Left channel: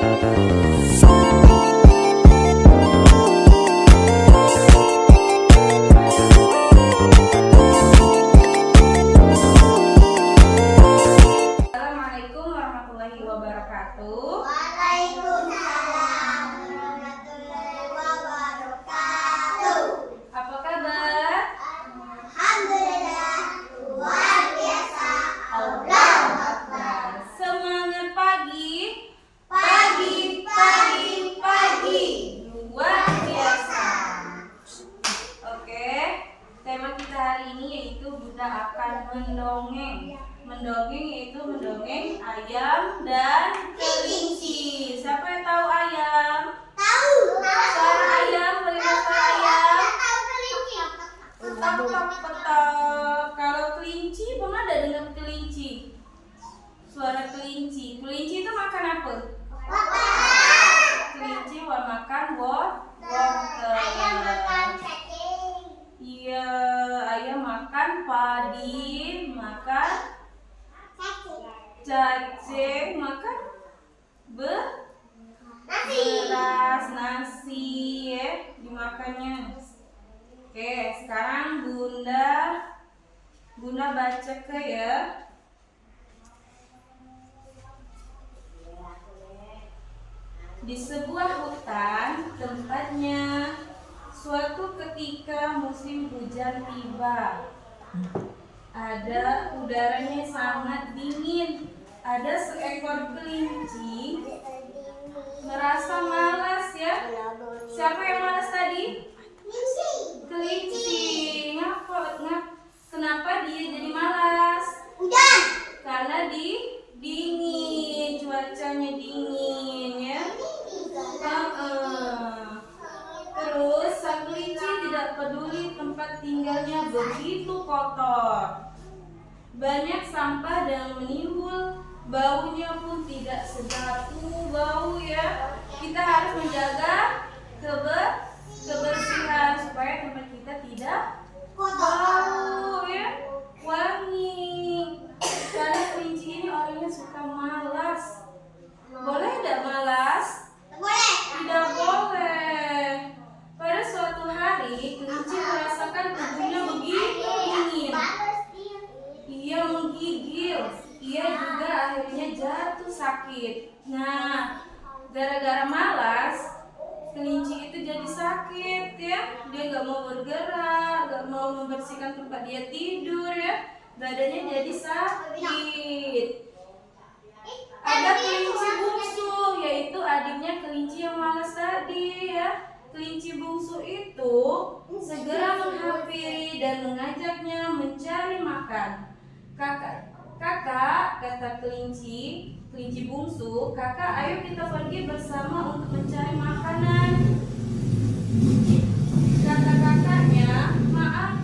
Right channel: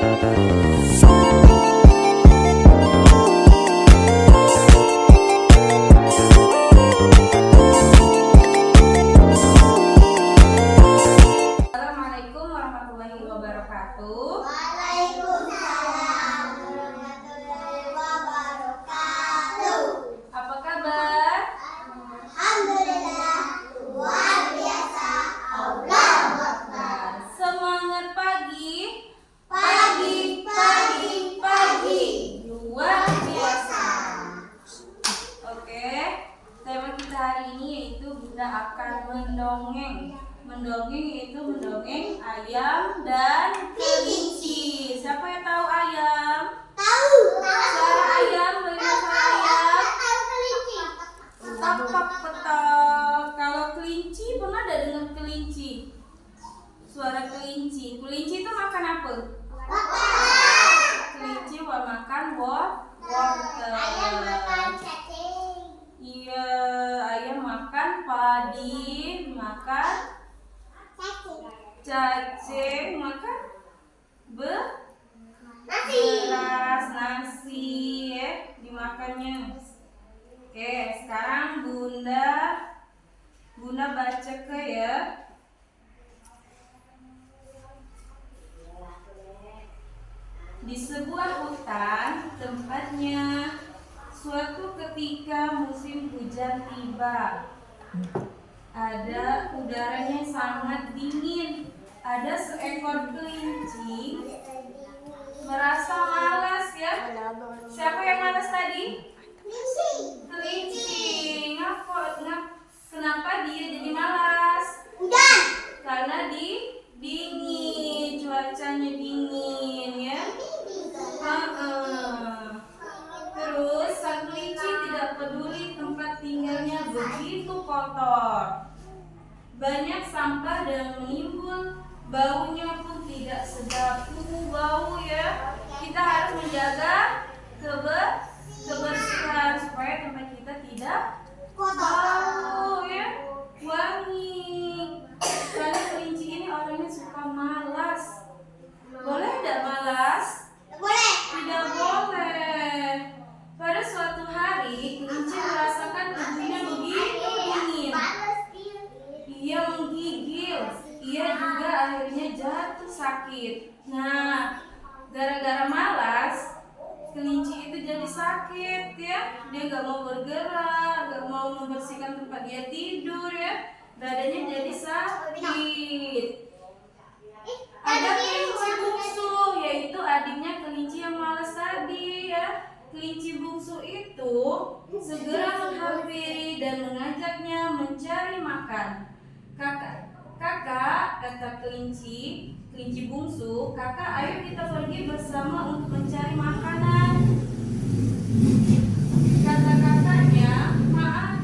Assalamualaikum warahmatullahi wabarakatuh. Waalaikumsalam warahmatullahi wabarakatuh. Apa kabar? Alhamdulillah, luar biasa. Allahu Akbar. Semangat pagi. Pagi, pagi, pagi. Luar biasa. Oke, tema kita hari ini yaitu Bunda akan mendongeng. Mendongeng yaitu mendongeng ayam dan kelinci. Siapa yang tahu ayam? Tahu. Suara ayam, bagaimana suara ayam? Tahu kelinci. Petok, petok, petok. Kalau kelinci, pernah ada dengar kelinci? Suara kelinci. Kelinci itu makan apa? Kelinci makan wortel. Ayam makan cacing. Iya, ayam makan padi, makan cacing, makan beras, nasi, ya, dimakannya. Oke, sekarang Bunda baca ke ya. Di sebuah hutan tempatnya, suatu ketika musim hujan tiba. Ada udaranya sangat dingin. Ada seekor kelinci merasa malas ya. Siapa yang malas tadi? Kelinci. Kenapa dia jadi malas? Hujan. Karena dingin, cuacanya dingin ya. Terus sang kelinci tidak peduli tempat tinggalnya begitu kotor. Banyak sampah dan menimbul, baunya pun tidak sedap. Bau ya. Kita harus menjaga kebersihan supaya tempat kita tidak bau ya, wangi. Karena kelinci ini orangnya suka malas. Boleh tidak malas? Boleh. Tidak boleh. Pada suatu hari, kelinci merasakan tubuhnya begitu dingin. Ia menggigil. Ia juga akhirnya jatuh sakit. Nah, gara-gara malas, kelinci itu jadi sakit ya. Dia gak mau bergerak, gak mau membersihkan tempat dia tidur ya. Badannya jadi sakit. Ada kelinci bungsu, yaitu adiknya kelinci yang malas tadi ya. Kelinci bungsu itu segera menghampiri dan mengajaknya mencari makan. Kakak, kata kelinci bungsu, kakak ayo kita pergi bersama untuk mencari makanan. Kata kakaknya, maaf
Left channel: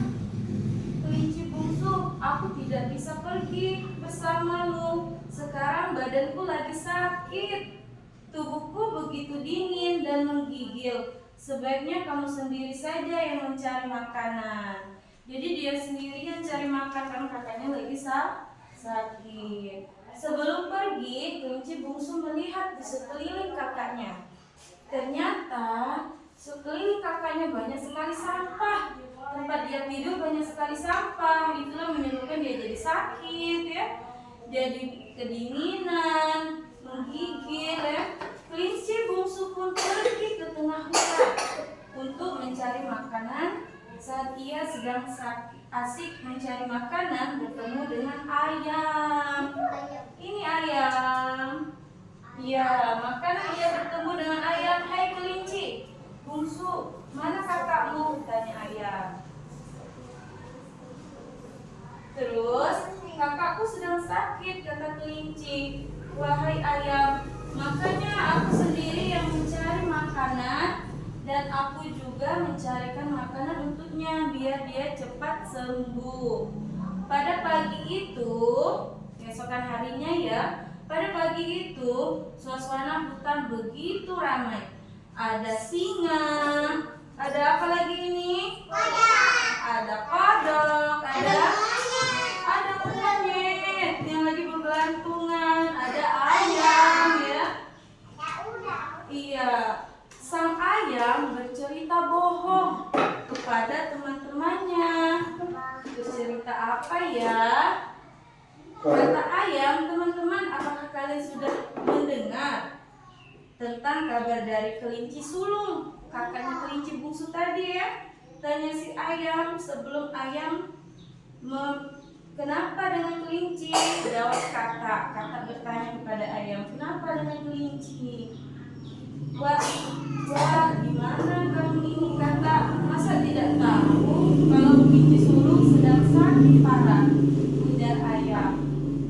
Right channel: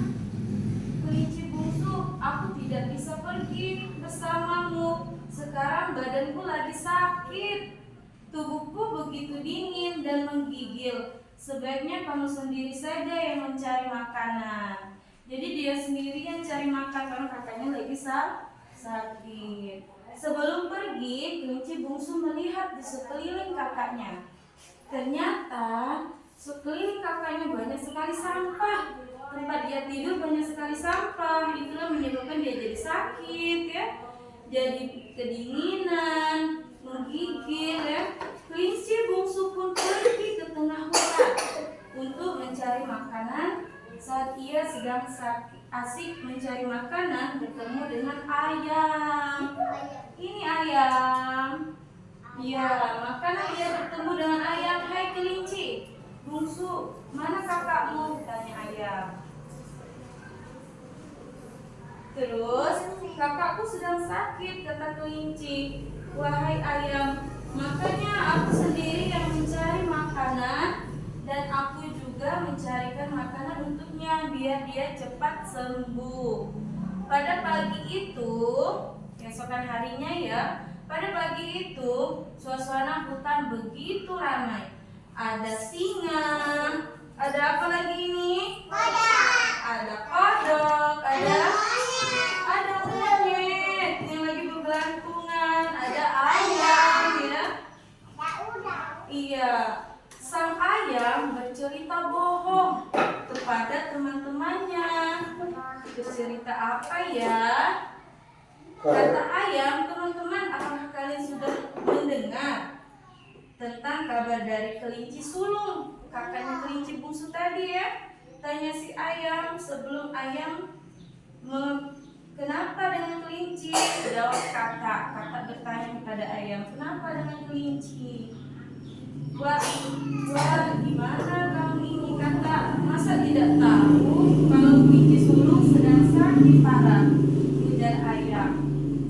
kelinci bungsu, aku tidak bisa pergi bersamamu. Sekarang badanku lagi sakit. Tubuhku begitu dingin dan menggigil. Sebaiknya kamu sendiri saja yang mencari makanan. Jadi dia sendiri yang cari makan karena kakaknya lagi sakit. Sebelum pergi, kelinci bungsu melihat di sekeliling kakaknya. Ternyata sekeliling kakaknya banyak sekali sampah. Tempat dia tidur banyak sekali sampah. Itulah menyebabkan dia jadi sakit ya. Jadi kedinginan, menggigil ya. Kelinci bungsu pun pergi ke tengah hutan untuk mencari makanan. Saat ia sedang asik mencari makanan, bertemu dengan ayam. Ini ayam. Ya, makanan ia bertemu dengan ayam. Hai kelinci bungsu, mana kakakmu? Tanya ayam. Terus, kakakku sedang sakit, kata kelinci. Wahai ayam, makanya aku sendiri yang mencari makanan dan aku juga mencarikan makanan untuknya biar dia cepat sembuh. Pada pagi itu, keesokan harinya ya, pada pagi itu suasana hutan begitu ramai. Ada singa, ada apa lagi ini? Ada kodok, ada monyet yang lagi bergelantungan, ada ayam ya. bercerita bohong kepada teman-temannya. Bercerita apa ya? Kata ayam, teman-teman, apakah kalian sudah mendengar tentang kabar dari kelinci sulung, kakaknya kelinci bungsu tadi ya? Tanya si ayam sebelum ayam kenapa dengan kelinci? Jawab kakak. Kakak bertanya kepada ayam, kenapa dengan kelinci? Wah, gimana kamu ini kakak? Masa tidak tahu kalau kelinci sulung sedang sakit parah? Ujar ayam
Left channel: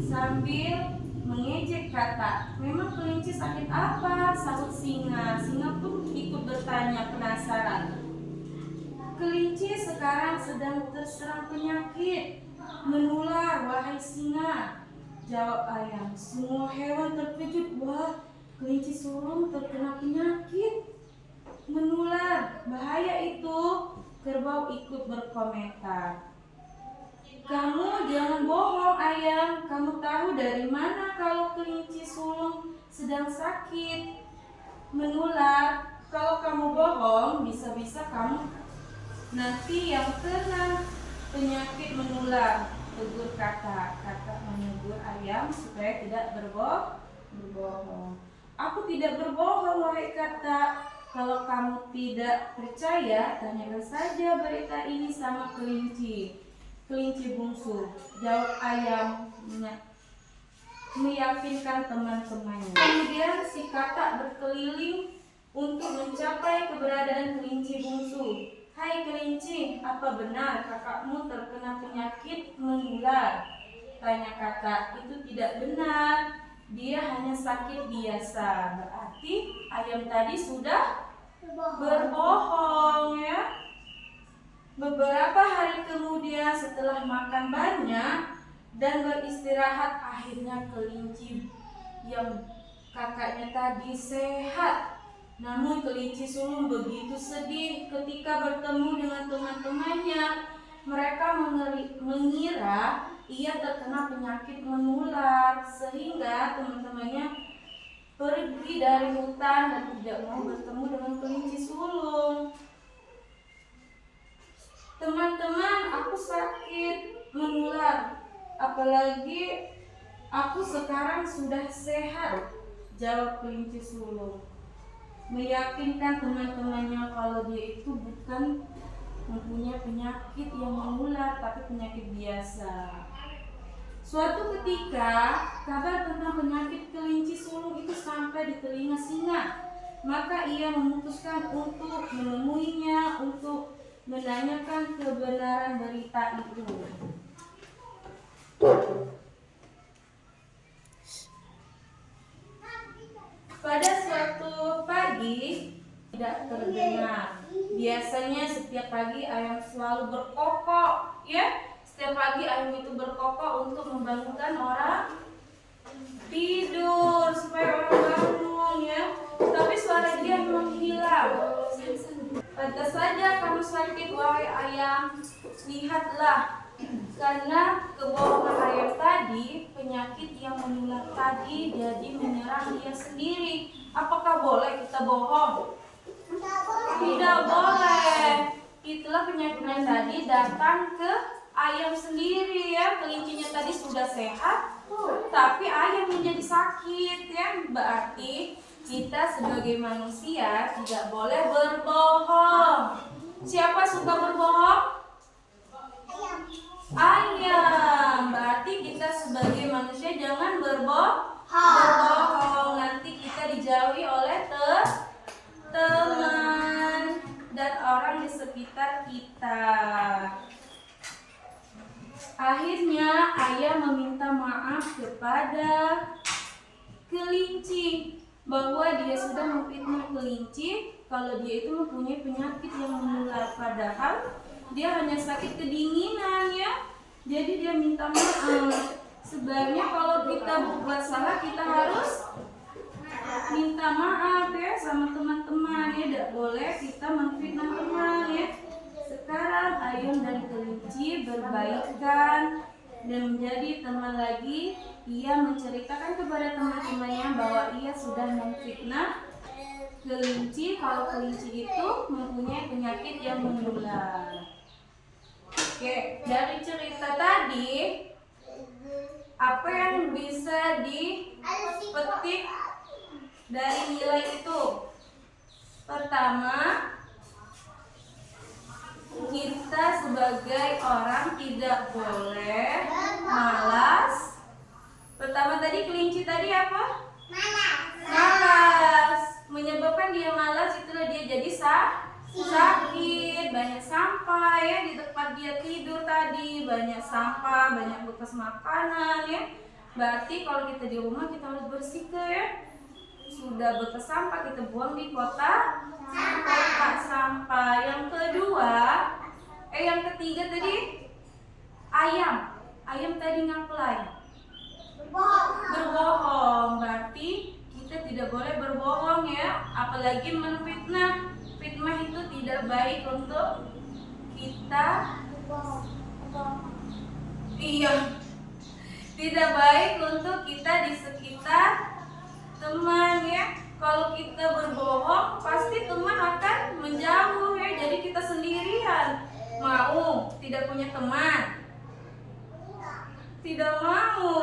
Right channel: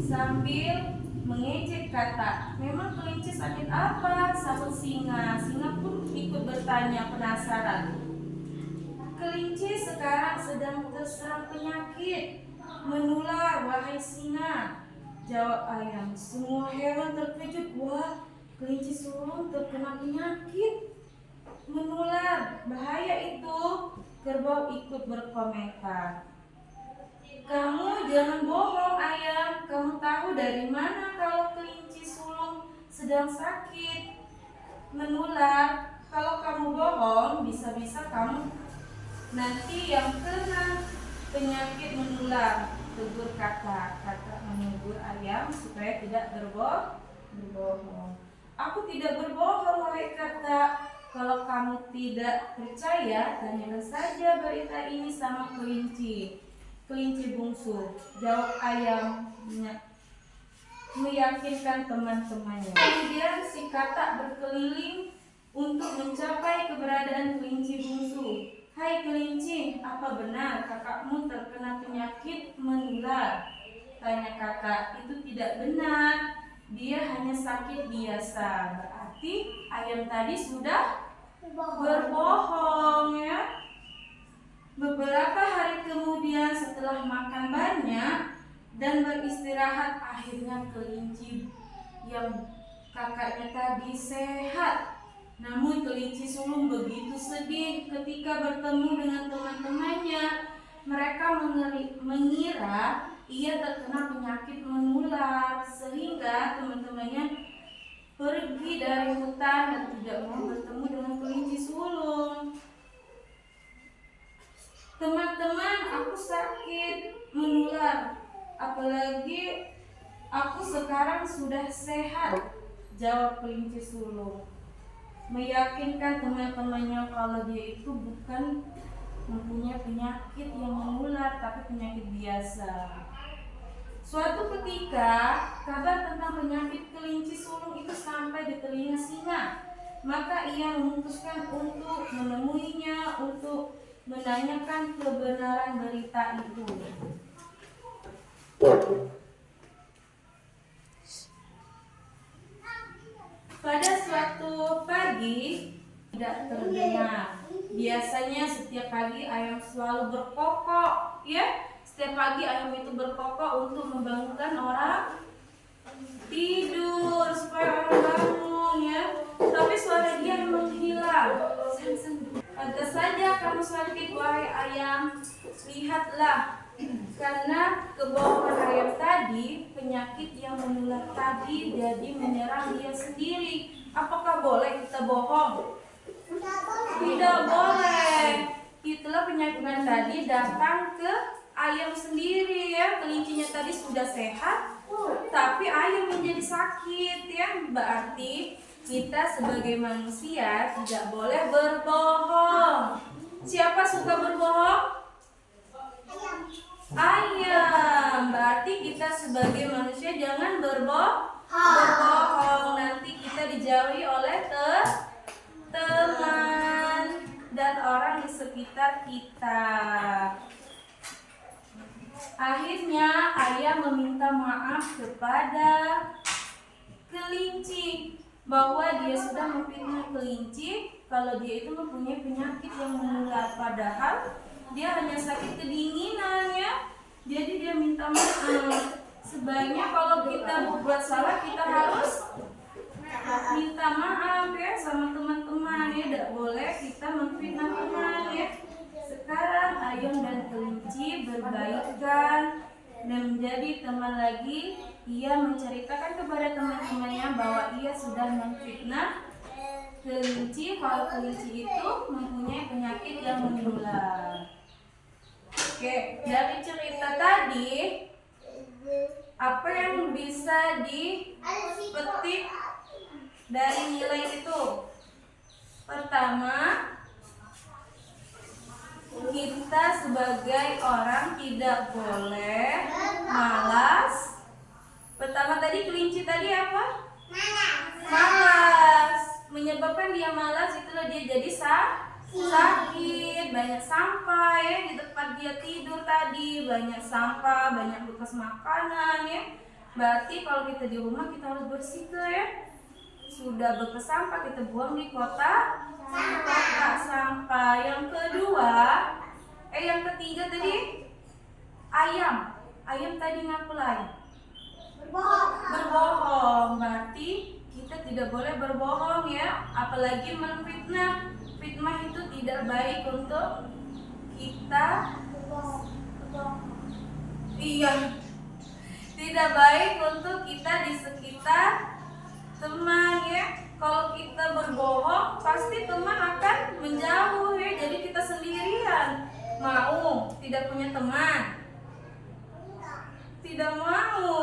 sambil mengejek kakak. Memang kelinci sakit apa? Sahut singa. Singa pun ikut bertanya penasaran. Kelinci sekarang sedang terserang penyakit menular, wahai singa. Jawab ayam. Semua hewan terkejut. Wah, kelinci sulung terkena penyakit menular, bahaya itu. Kerbau ikut berkomentar. Kamu jangan bohong ayam. Kamu tahu dari mana kalau kelinci sulung sedang sakit menular? Kalau kamu bohong, bisa-bisa kamu nanti yang kena penyakit menular. Tegur kakak. Kakak menegur ayam supaya tidak berbohong. Aku tidak berbohong, wahai kakak. Kalau kamu tidak percaya, tanyakan saja berita ini sama kelinci bungsu. Jawab ayam meyakinkan teman-temannya. Kemudian si kakak berkeliling untuk mencapai keberadaan kelinci bungsu. Hai kelinci, apa benar kakakmu terkena penyakit menular? Tanya kakak. Itu tidak benar, dia hanya sakit biasa. Berarti ayam tadi sudah berbohong ya. Beberapa hari kemudian setelah makan banyak dan beristirahat, akhirnya kelinci yang kakaknya tadi sehat. Namun kelinci sulung begitu sedih ketika bertemu dengan teman-temannya. Mereka mengira ia terkena penyakit menular, sehingga teman-temannya pergi dari hutan dan tidak mau bertemu dengan kelinci sulung. Teman-teman, aku sakit menular, apalagi aku sekarang sudah sehat, jawab kelinci sulung. Meyakinkan teman-temannya kalau dia itu bukan mempunyai penyakit yang menular, tapi penyakit biasa. Suatu ketika, kabar tentang penyakit kelinci sulung itu sampai di telinga singa. Maka ia memutuskan untuk menemuinya untuk menanyakan kebenaran berita itu. Pada suatu pagi tidak terdengar. Biasanya setiap pagi ayam selalu berkokok, ya. Setiap pagi ayam itu berkokok untuk membangunkan orang tidur supaya orang bangun, ya. Tapi suara dia menghilang. Pantas saja kamu sakit, wahai ayam. Lihatlah, karena kebohongan ayam tadi, penyakit yang menular tadi jadi menyerang dia sendiri. Apakah boleh kita bohong? Tidak boleh. Itulah penyakit yang tadi datang ke ayam sendiri, ya. Kelincinya tadi sudah sehat, tapi ayam menjadi sakit, ya. Berarti kita sebagai manusia tidak boleh berbohong. Siapa suka berbohong? Ayam. Berarti kita sebagai manusia jangan berbohong. Nanti kita dijauhi oleh teman dan orang di sekitar kita. Akhirnya ayam meminta maaf kepada kelinci bahwa dia sudah memfitnah kelinci kalau dia itu mempunyai penyakit yang menular, padahal dia hanya sakit kedinginan, ya. Jadi dia minta maaf. Sebaiknya kalau kita berbuat salah, kita harus minta maaf, ya, sama teman-teman, ya. Tidak boleh kita memfitnah teman, ya. Sekarang ayam dan kelinci berbaikan dan menjadi teman lagi. Ia menceritakan kepada teman-temannya bahwa ia sudah memfitnah kelinci, kalau kelinci itu mempunyai penyakit yang menular. Oke, dari cerita tadi apa yang bisa dipetik dari nilai itu? Pertama, kita sebagai orang tidak boleh malas. Pertama tadi kelinci tadi apa? Malas. Menyebabkan dia malas itulah dia jadi sakit, banyak sampah ya di tempat dia tidur tadi, banyak sampah, banyak bekas makanan ya. Berarti kalau kita di rumah kita harus bersihkan ya. Sudah bekas sampah kita buang di kotak sampah. Yang kedua, yang ketiga tadi ayam. Ayam tadi ngapain? Berbohong. Berarti kita tidak boleh berbohong ya, apalagi menfitnah. Fitnah itu tidak baik untuk kita. Iya, tidak baik untuk kita di sekitar teman ya. Kalau kita berbohong pasti teman akan menjauh ya, jadi kita sendirian. Mau tidak punya teman? Tidak mau.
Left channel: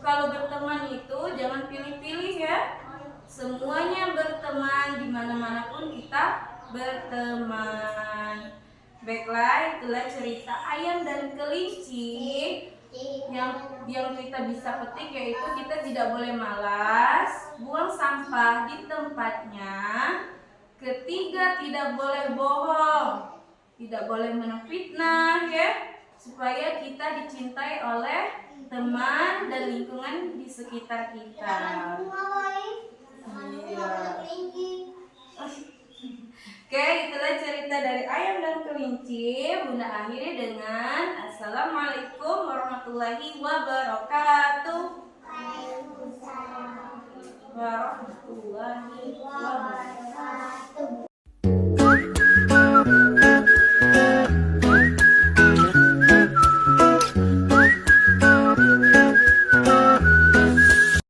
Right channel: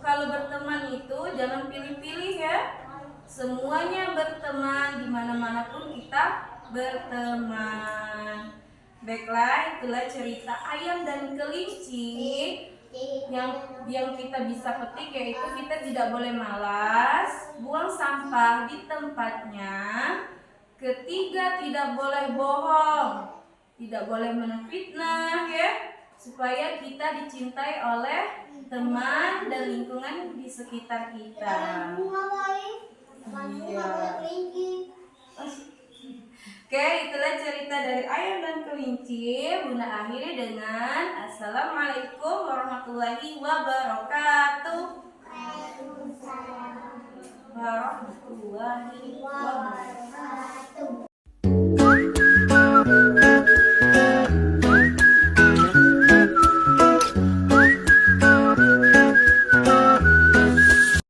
Kalau berteman itu jangan pilih-pilih ya. Semuanya berteman, dimana-mana pun kita berteman. Baiklah, itulah cerita ayam dan kelinci. Yang kita bisa petik yaitu kita tidak boleh malas, buang sampah di tempatnya. Ketiga, tidak boleh bohong, tidak boleh menfitnah ya, supaya kita dicintai oleh teman dan lingkungan di sekitar kita. Iya. Oke, itulah cerita dari ayam dan kelinci. Bunda akhiri dengan Assalamualaikum warahmatullahi wabarakatuh. Warahmatullahi wabarakatuh.